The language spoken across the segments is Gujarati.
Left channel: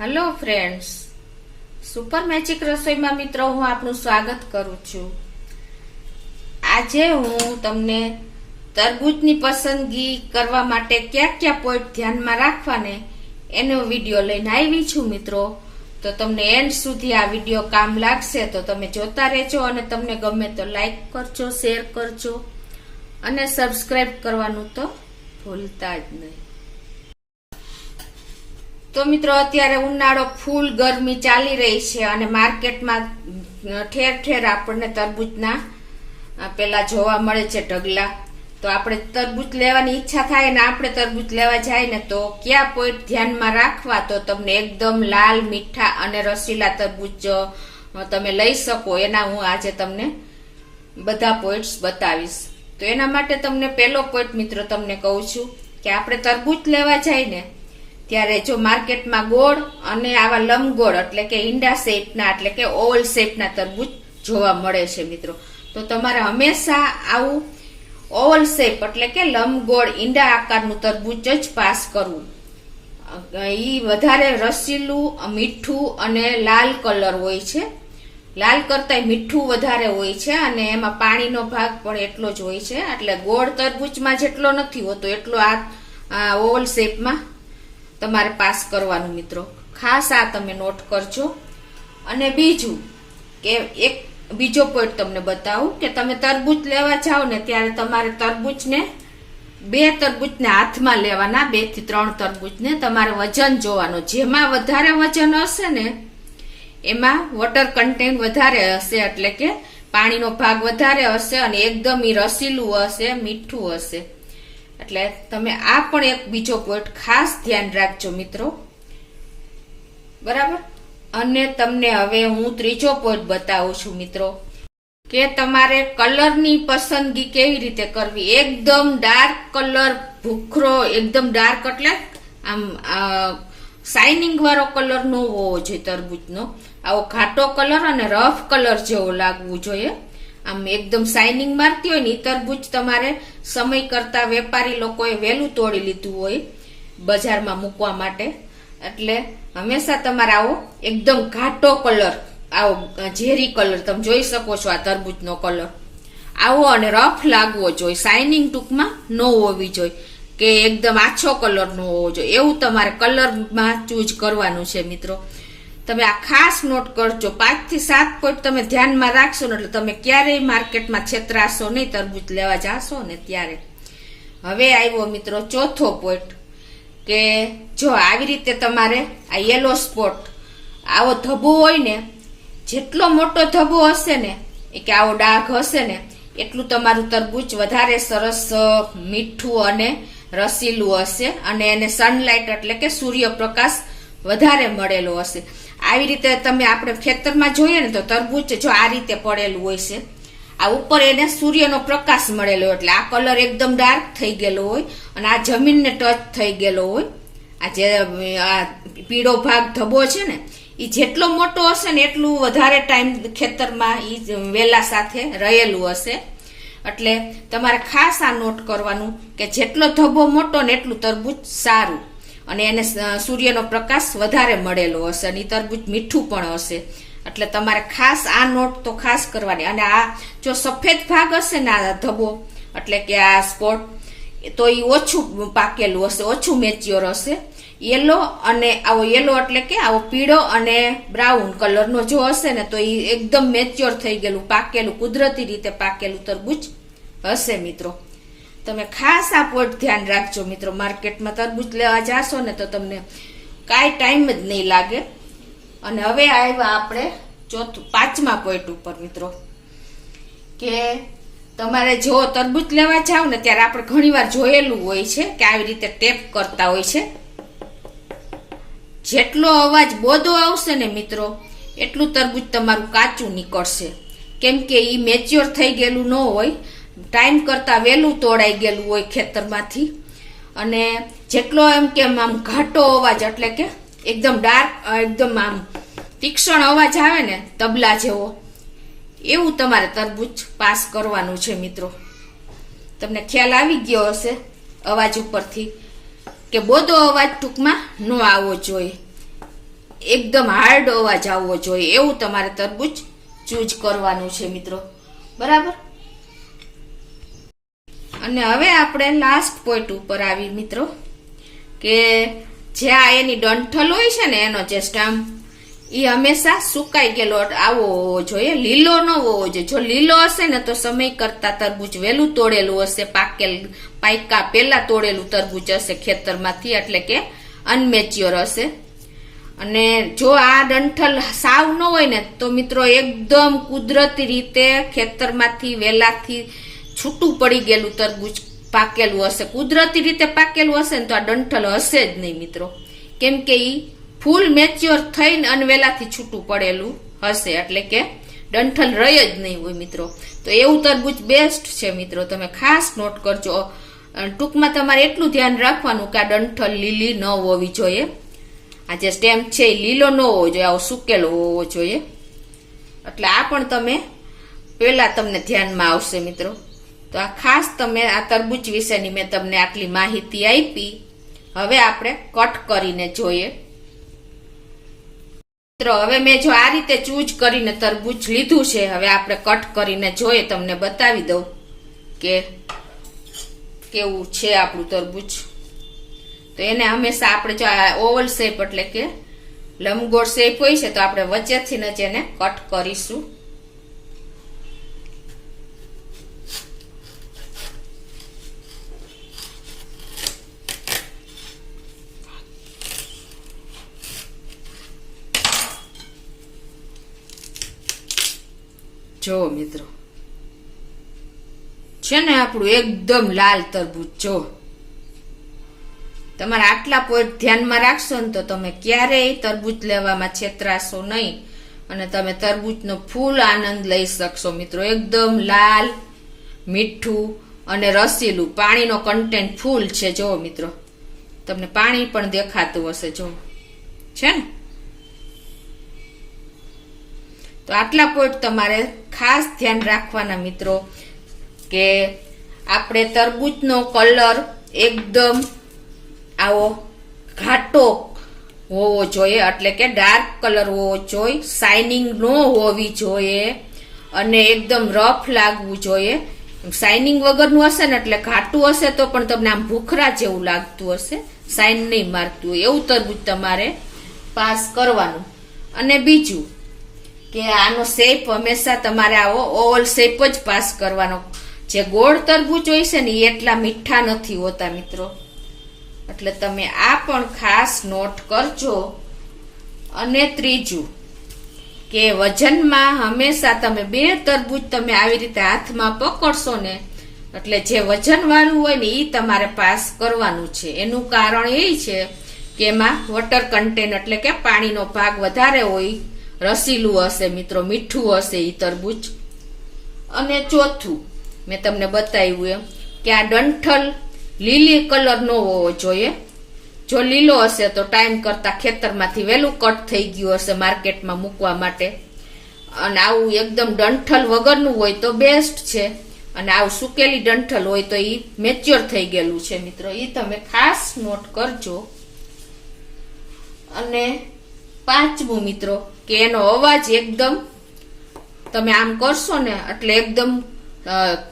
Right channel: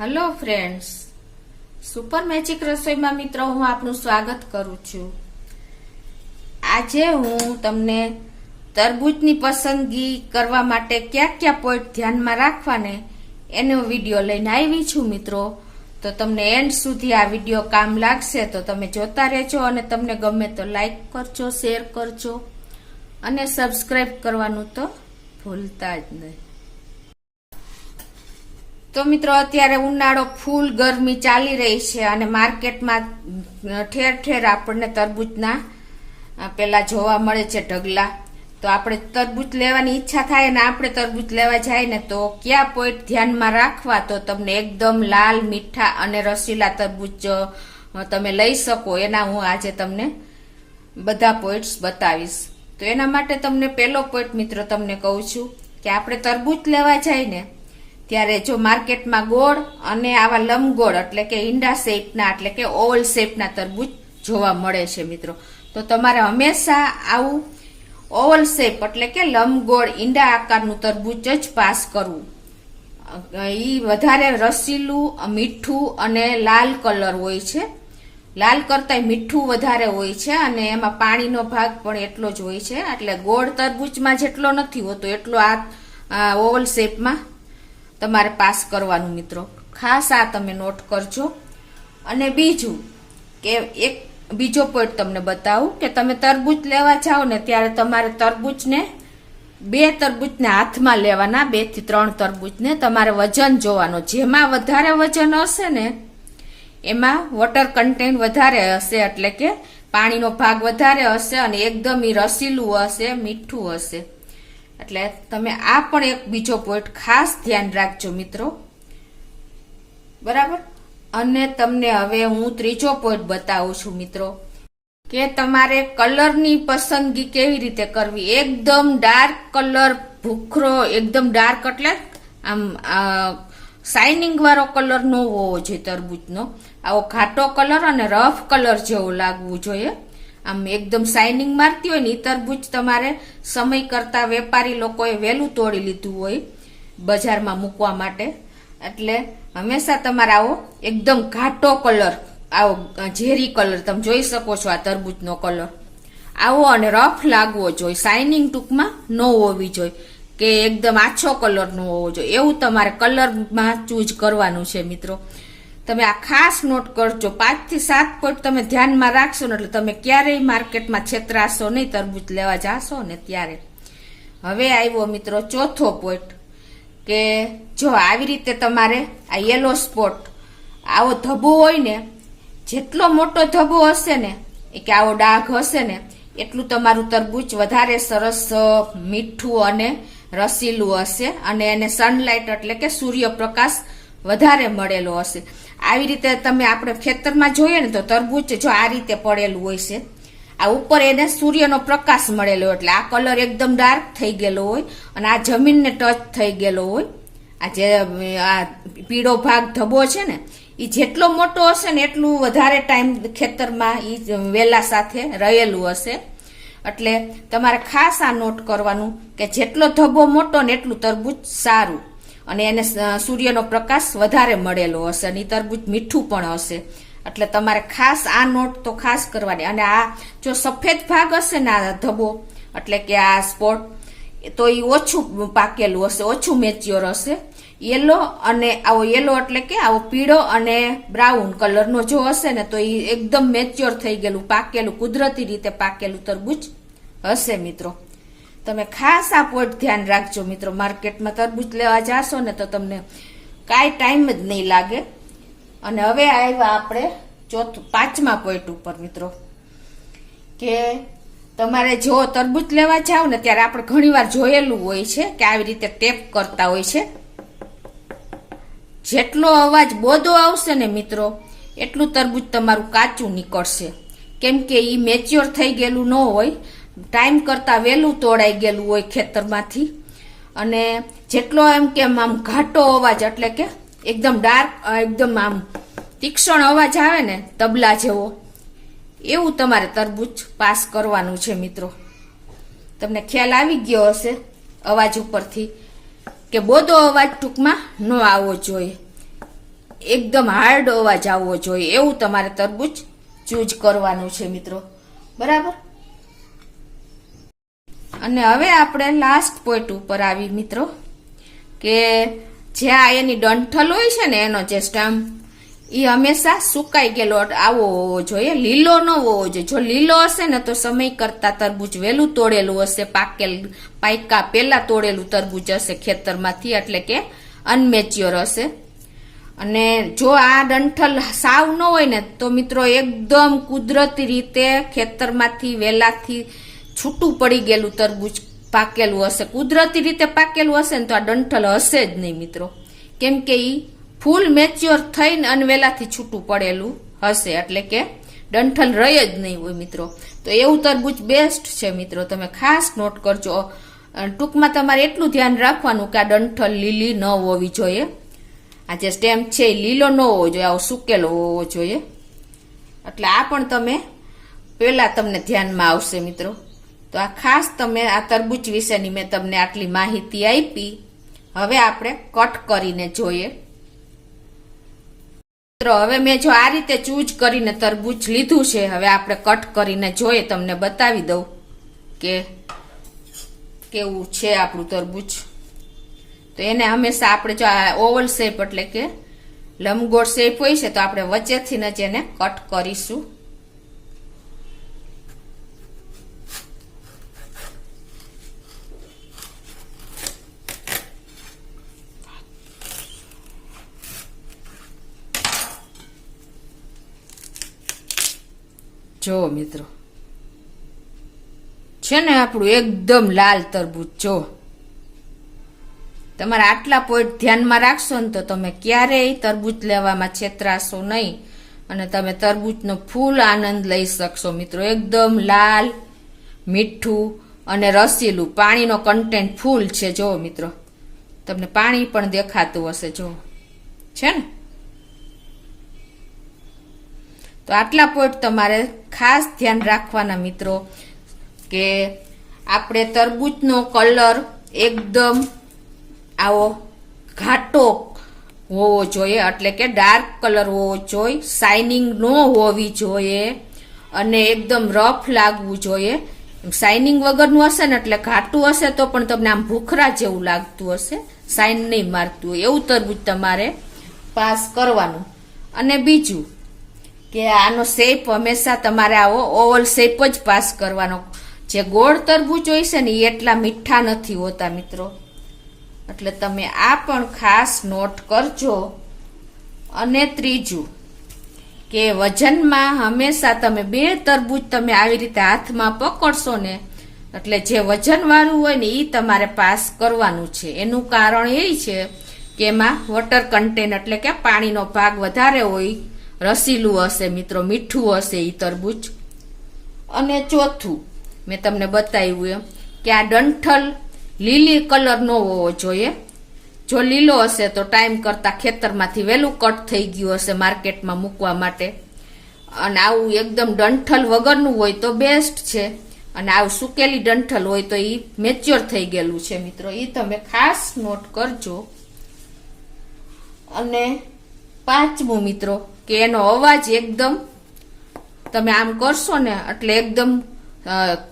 હેલો ફ્રેન્ડ્સ, સુપર મેજિક રસોઈમાં મિત્રો હું આપનું સ્વાગત કરું છું। આજે હું તમને તરબૂચની પસંદગી કરવા માટે કયા પોઈન્ટ ધ્યાનમાં રાખવાને એનો વિડીયો લઈને આવી છું મિત્રો। તો તમને એન્ડ સુધી આ વિડીયો કામ લાગશે તો તમે જોતા રહેજો અને તમને ગમે તો લાઈક કરજો, શેર કરજો અને સબસ્ક્રાઇબ કરવાનું તો ભૂલતા જ નહીં। તો મિત્રો અત્યારે ઉનાળો ફૂલ ગરમી ચાલી રહી છે અને માર્કેટમાં ઠેર ઠેર આપણને તરબૂચના પેલા જોવા મળે છે ઢગલા। તો આપણે તરબૂચ લેવાની ઈચ્છા થાય ને આપણે તરબૂચ લેવા જાય ને તો કયા પોઈન્ટ ધ્યાનમાં રાખવા તો તમને એકદમ લાલ, મીઠા અને રસીલા તરબૂચ તમે લઈ શકો એના હું આજે તમને બધા પોઈન્ટ્સ બતાવીશ। તો એના માટે તમને પહેલો પોઈન્ટ મિત્રો તમને કહું છું કે આપણે તરબૂચ લેવા જાય ને ત્યારે જો માર્કેટમાં ગોળ અને આવા લંબગોળ એટલે કે ઈંડા શેપના એટલે કે ઓવલ શેપના તરબૂચ જોવા મળે છે મિત્રો। તો તમારે હંમેશા આવું ઓવલ શેપ એટલે કે લંબગોળ ઈંડા આકારનું તરબૂચ જ પાસ કરવું। ઈ વધારે રસીલું, મીઠું અને લાલ કલર હોય છે। લાલ કરતા મીઠું વધારે હોય છે અને એમાં પાણીનો ભાગ પણ એટલો જ હોય છે। એટલે ગોળ તરબૂચમાં જેટલો નથી હોતો એટલો આ ઓવલ શેપમાં તમારે પાસ કરવાનું મિત્રો, ખાસ આ તમે નોટ કરજો। અને બીજું કે એક બીજો પોઈન્ટ તમને બતાવું કે તમે તરબૂચ લેવા જાઓ ને ત્યારે તમારે બે તરબૂચને હાથમાં લેવાના, 2 થી 3 તરબૂચને તમારે વજન જોવાનો। જેમાં વધારે વજન હશે ને એમાં વોટર કન્ટેન્ટ વધારે હશે એટલે કે પાણીનો ભાગ વધારે હશે અને એકદમ રસીલું હશે, મીઠું હશે। એટલે તમે આ પણ એક બીજો પોઈન્ટ ખાસ ધ્યાન રાખજો મિત્રો, બરાબર। અને તમને હવે હું ત્રીજો પોઈન્ટ બતાવું છું મિત્રો કે તમારે કલરની પસંદગી કેવી રીતે કરવી। એકદમ ડાર્ક કલર, ભૂખરો, એકદમ ડાર્ક એટલે આમ શાઇનિંગ વાળો કલર ન હોવો જોઈએ તરબૂચનો, આવો ઘાટો કલર અને રફ કલર જેવો લાગવું જોઈએ। આમ એકદમ શાઇનિંગ મારતી હોય ને એ તરબૂચ તમારે સમય કરતા વેપારી લોકોએ વહેલું તોડી લીધું હોય બજારમાં મૂકવા માટે। એટલે હંમેશા તમારે આવો એકદમ ઘાટો કલર, આવો ઝેરી કલર તમે જોઈ શકો છો આ તરબૂચનો કલર આવો અને રફ લાગવો જોઈએ, શાઇનિંગ ટૂંકમાં ન હોવી જોઈએ કે એકદમ આછો કલર નો હોવો જોઈએ, એવું તમારે કલરમાં ચૂઝ કરવાનું છે મિત્રો। તમે આ ખાસ નોટ કરજો, 5 થી 7 પોઈન્ટ તમે ધ્યાનમાં રાખશો ને એટલે તમે ક્યારેય માર્કેટમાં છેતરાશો નહીં તરબૂચ લેવા જાશો ને ત્યારે। હવે આવ્યો મિત્રો ચોથો પોઈન્ટ કે જો આવી રીતે તમારે આ યલો સ્પોટ આવો ધબ્બો હોય ને, જેટલો મોટો ધબ્બો હશે ને કે આવો ડાઘ હશે ને એટલું તમારું તરબૂચ વધારે સરસ મીઠું અને રસીલું હશે અને એને સનલાઇટ એટલે કે સૂર્યપ્રકાશ વધારે મળેલો હશે। આવી રીતે તમે આપણે ખેતરમાં જોઈએ ને તો તરબૂચ જો આ રીતે પડેલું હોય છે, આ ઉપર એને સૂર્યનો પ્રકાશ મળેલો એટલે આ કલર એકદમ ડાર્ક થઈ ગયેલો હોય અને આ જમીનને ટચ થઈ ગયેલો હોય। આ જે આ પીળો ભાગ ધબ્બો છે ને એ જેટલો મોટો હશે ને એટલું વધારે ટાઈમ ખેતરમાં એ વેલા સાથે રહેલું હશે। એટલે તમારે ખાસ આ નોટ કરવાનું કે જેટલો ધબ્બો મોટો ને એટલું તરબૂચ સારું અને એને સૂર્યનો પ્રકાશ વધારે મળેલો હશે અને તરબૂચ મીઠું પણ હશે। એટલે તમારે ખાસ આ નોટ તો ખાસ કરવાની। અને આ જો સફેદ ભાગ હશે ને આ ધબ્બો એટલે કે આ સ્પોટ તો એ ઓછું પાકેલું હશે, ઓછું મેચ્યોર હશે। યેલો અને આવો યેલો એટલે કે આવો પીળો અને બ્રાઉન કલરનો જો હશે ને તો એ એકદમ મેચ્યોર થઈ ગયેલું, પાકેલું, કુદરતી રીતે પાકેલું તરબૂચ હશે મિત્રો। તમે ખાસ આ પોઈન્ટ ધ્યાન રાખજો મિત્રો, માર્કેટમાં તરબૂચ લેવા જાશો ને તો તમને કાંઈ ટાઈમ જ નહીં લાગે। અને હવે આવ્યા આપણે પાંચમા પોઈન્ટ ઉપર મિત્રો કે તમારે જો તરબૂચ લેવા જાવ ને ત્યારે આપણે ઘણીવાર જોયેલું હોય છે કે આવી રીતે ટેપ કરતા હોય છે। જેટલો અવાજ બોધો આવશે ને મિત્રો એટલું તરબૂચ તમારું કાચું નીકળશે, કેમ કે ઈ મેચ્યોર થઈ ગયેલું ન હોય, ટાઈમ કરતા વહેલું તોડાઈ ગયેલું હોય ખેતરમાંથી। અને જેટલો એમ કેમ આમ ઘાટો અવાજ એટલે કે એકદમ ડાર્ક, એકદમ આમ તીક્ષ્ણ અવાજ આવે ને તબલા જેવો, એવું તમારે તરબૂચ પાસ કરવાનું છે મિત્રો। તમને ખ્યાલ આવી ગયો હશે અવાજ ઉપરથી કે બોધો અવાજ ટૂંકમાં ન આવવો જોઈએ। એકદમ હાર્ડ અવાજ આવવો જોઈએ એવું તમારે તરબૂચ ચૂઝ કરવાનું છે મિત્રો, બરાબર. અને હવે આપણે લાસ્ટ પોઈન્ટ ઉપર આવી મિત્રો, કે જે આ એની ડંઠલ હોય છે ને એનો જે સ્ટમ્પ, એ હંમેશા સુકાઈ ગયેલો આવો હોવો જોઈએ, લીલો ન હોવો જોઈએ. જો લીલો હશે ને તો સમય કરતા તરબૂચ વહેલું તોડેલું હશે, પાયકા પેલા તોડેલું તરબૂચ હશે ખેતરમાંથી, એટલે કે અનમેચ્યોર હશે. અને જો આ ડંઠલ સાવ ન હોય ને તો મિત્રો એકદમ કુદરતી રીતે ખેતરમાંથી વેલાથી છૂટું પડી ગયેલું તરબૂચ પાકેલું હશે. કુદરતી રીતે પાકેલું હશે ને તો આ ડંઠલ હશે જ નહીં મિત્રો, કેમ કે ઈ ફૂલ મેચ્યોર થઈને અનવેલાથી છૂટું પડેલું હશે, એટલે કે ડંઠલ રહી જ નહીં હોય મિત્રો. તો એવું તરબૂચ બેસ્ટ છે મિત્રો, તમે ખાસ નોટ કરજો. ટૂંકમાં તમારે એટલું ધ્યાન રાખવાનું કે આ ડંઠલ લીલી ન હોવી જોઈએ, આ જે સ્ટેમ છે એ લીલો ન હોવો જોઈએ, આવો સુકેલો હોવો જોઈએ. એટલે આ પણ તમે પેલા તમને ધ્યાનમાં આવશે મિત્રો. તો આ ખાસ તમે આ તરબૂચ વિશેની મેં તમને આટલી માહિતી આપી. હવે આપણે કટ કરીને જોઈએ મિત્રો. હવે મેં જો આ રીતે ચૂઝ કરીને તરબૂચ લીધું છે, હવે આપણે કટ કરીને જોઈએ, તમને બતાવી દઉં કે કેવું છે આપણું તરબૂચ. તો એને હંમેશા આપણે જો આ ઓવલ શેપ એટલે કે લંબગોળ શેપ હોય છે તો આપણે વચ્ચેથી જ એને કટ કરીશું. જો મિત્રો છે ને આપણું એકદમ લાલ તરબૂચ. જો તમારે આટલા પોઈન્ટ ધ્યાનમાં રાખશો ને તો તમે ક્યારેય તરબૂચ લેવામાં છેતરાશો નહીં અને તમે તરબૂચનો ફૂલ આનંદ લઈ શકશો મિત્રો. એકદમ લાલ, મીઠું અને રસીલું, પાણીનો કન્ટેન્ટ ફૂલ છે. જો મિત્રો તમને પાણી પણ દેખાતું હશે, જો છે ને. તો આટલા પોઈન્ટ તમારે ખાસ ધ્યાન રાખવાના મિત્રો, કે આપણે તરબૂચનો કલર એકદમ આવો ઘાટો હોવો જોઈએ, એટલે કે ડાર્ક કલર હોવો જોઈએ, શાઇનિંગ ન હોવી જોઈએ અને એકદમ રફ લાગવું જોઈએ. શાઇનિંગ વગરનું હશે ને એટલે ઘાટું હશે તો પણ તમને આમ ભૂખરા જેવું લાગતું હશે, શાઇન નહીં મારતું હોય એવું તરબૂચ તમારે પાસ કરવાનું. અને બીજું કે આનો શેપ હંમેશા તમારે આવો ઓવલ શેપ જ પાસ કરવાનો. જે ગોળ તરબૂચ હોય છે ને એ એટલા મીઠા નથી હોતા મિત્રો, એટલે તમે આ પણ ખાસ નોટ કરજો. અને ત્રીજું કે વજનમાં હંમેશા તમે બે તરબૂચ તમે આવી રીતે હાથમાં પકડશો ને એટલે જે વજન વાળું હોય ને એ તમારે પાસ કરવાનું છે. એનું કારણ એ છે કે એમાં વોટર કન્ટેન્ટ એટલે કે પાણીનો ભાગ વધારે હોય, રસીલું હશે મિત્રો, મીઠું હશે એ તરબૂચ. અને ચોથું મેં તમને બતાવ્યું એમ કે આ ડંઠલ લીલી કલર નો હોવો જોઈએ. જો લીલો હશે તો ટાઈમ કરતા ખેતરમાંથી વહેલું કટ થઈ ગયું હશે માર્કેટમાં મૂકવા માટે. અને આવું એકદમ ડંઠલ વગરનું હોય તો બેસ્ટ છે, અને આવું સુકેલી ડંઠલ હોય તો એ મેચ્યોર થઈ ગયેલું છે મિત્રો, એ તમે ખાસ નોટ કરજો. અને પાંચમું મિત્રો કે એનો અવાજ એકદમ તમે આમ કરશો ને એટલે એકદમ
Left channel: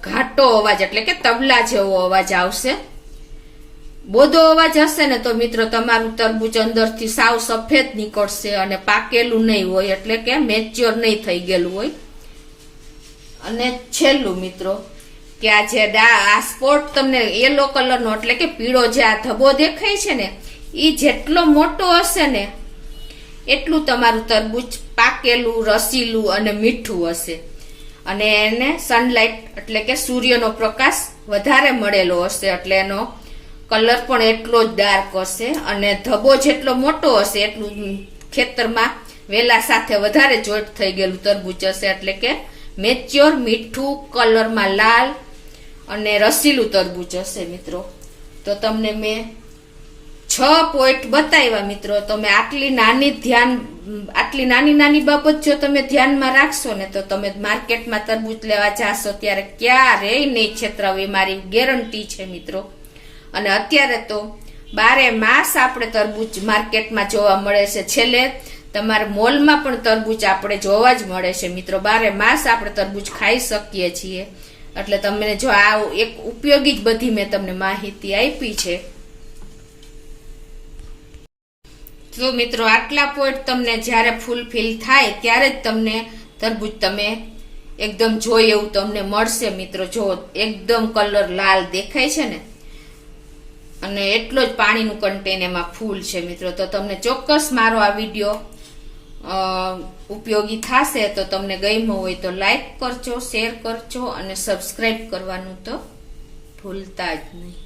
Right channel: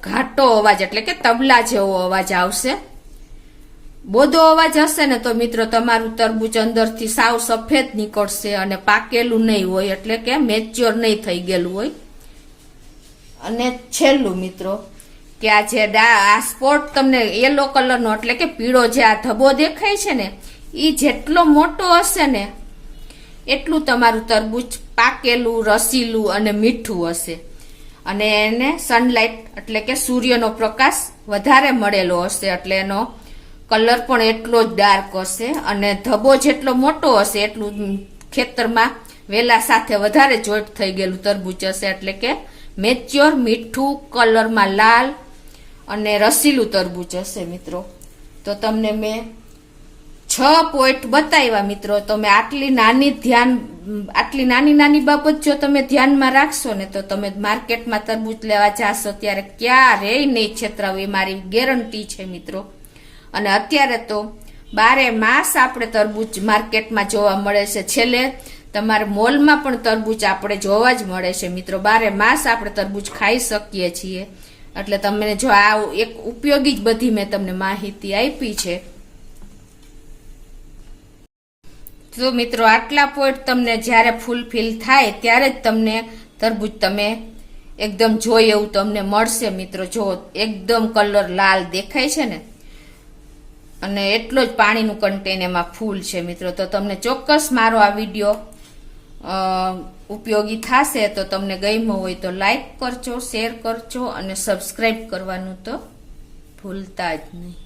ઘાટો અવાજ એટલે કે તબલા જેવો અવાજ આવશે. બોધો અવાજ હશે ને તો મિત્રો તમારું તરબૂચ અંદરથી સાવ સફેદ નીકળશે અને પાકેલું નહીં હોય, એટલે કે મેચ્યોર નહીં થઈ ગયેલું હોય. અને છેલ્લું મિત્રો કે આ જે આ સ્પોટ તમને યલો કલરનો એટલે કે પીળો જે આ ધબ્બો દેખાય છે ને એ જેટલો મોટો હશે ને એટલું તમારું તરબૂચ પાકેલું, રસીલું અને મીઠું હશે. અને એને સનલાઇટ એટલે કે સૂર્યનો પ્રકાશ વધારે મળેલો હશે એટલે એનો કલર પણ એટલો જ ડાર્ક હશે. અને ધબ્બો જેટલો મોટો હશે એટલું ખેતરમાં વેલા સાથે વધારે જોઈન્ટ થઈ ગયેલું તરબૂચ હશે, એટલે કે મેચ્યોર, મીઠું, કલરમાં લાલ અને રસીલું તરબૂચ હશે મિત્રો. તો તમને મેં 6 પોઈન્ટ બતાવ્યા મિત્રો. તમે આટલી નાની બાબત જો તમે ધ્યાનમાં રાખશો ને તો તમે માર્કેટમાં તરબૂચ લેવા જાશો ત્યારે ક્યારેય નહીં છેતરાવ, એ મારી ગેરંટી છે મિત્રો. અને અત્યારે તો 12 માસ આપણે તરબૂચ માર્કેટમાં જોવા મળે છે. છેલ્લે તમારે મોલમાં પણ તરબૂચ આપણે જોવા જ મળે છે મિત્રો, 12 માસ આપણે તરબૂચ ખાઈ શકીએ છીએ. એટલે તમને જો આ એક ઉપયોગી જ બધી મેં તમને માહિતી આપી છે. તો મિત્રો આટલા પોઈન્ટ તમને જ્યારે ફૂલફિલ થાય ત્યારે જ તમને તરબૂચ તમે એકદમ જોઈએ એવું તમને મળશે મિત્રો. જો એકદમ કલર લાલ દેખાય છે ને, અને એટલો જ પાણીનું કન્ટેન એમાં ફૂલ છે મિત્રો. તો તમને ચોક્કસ મારો આ વિડીયો ઉપયોગી થશે. તો તમને ગમ્યો હોય તો લાઈક કરજો, શેર કરજો અને સબસ્ક્રાઇબ કરવાનું તો ભૂલતા જ નહીં.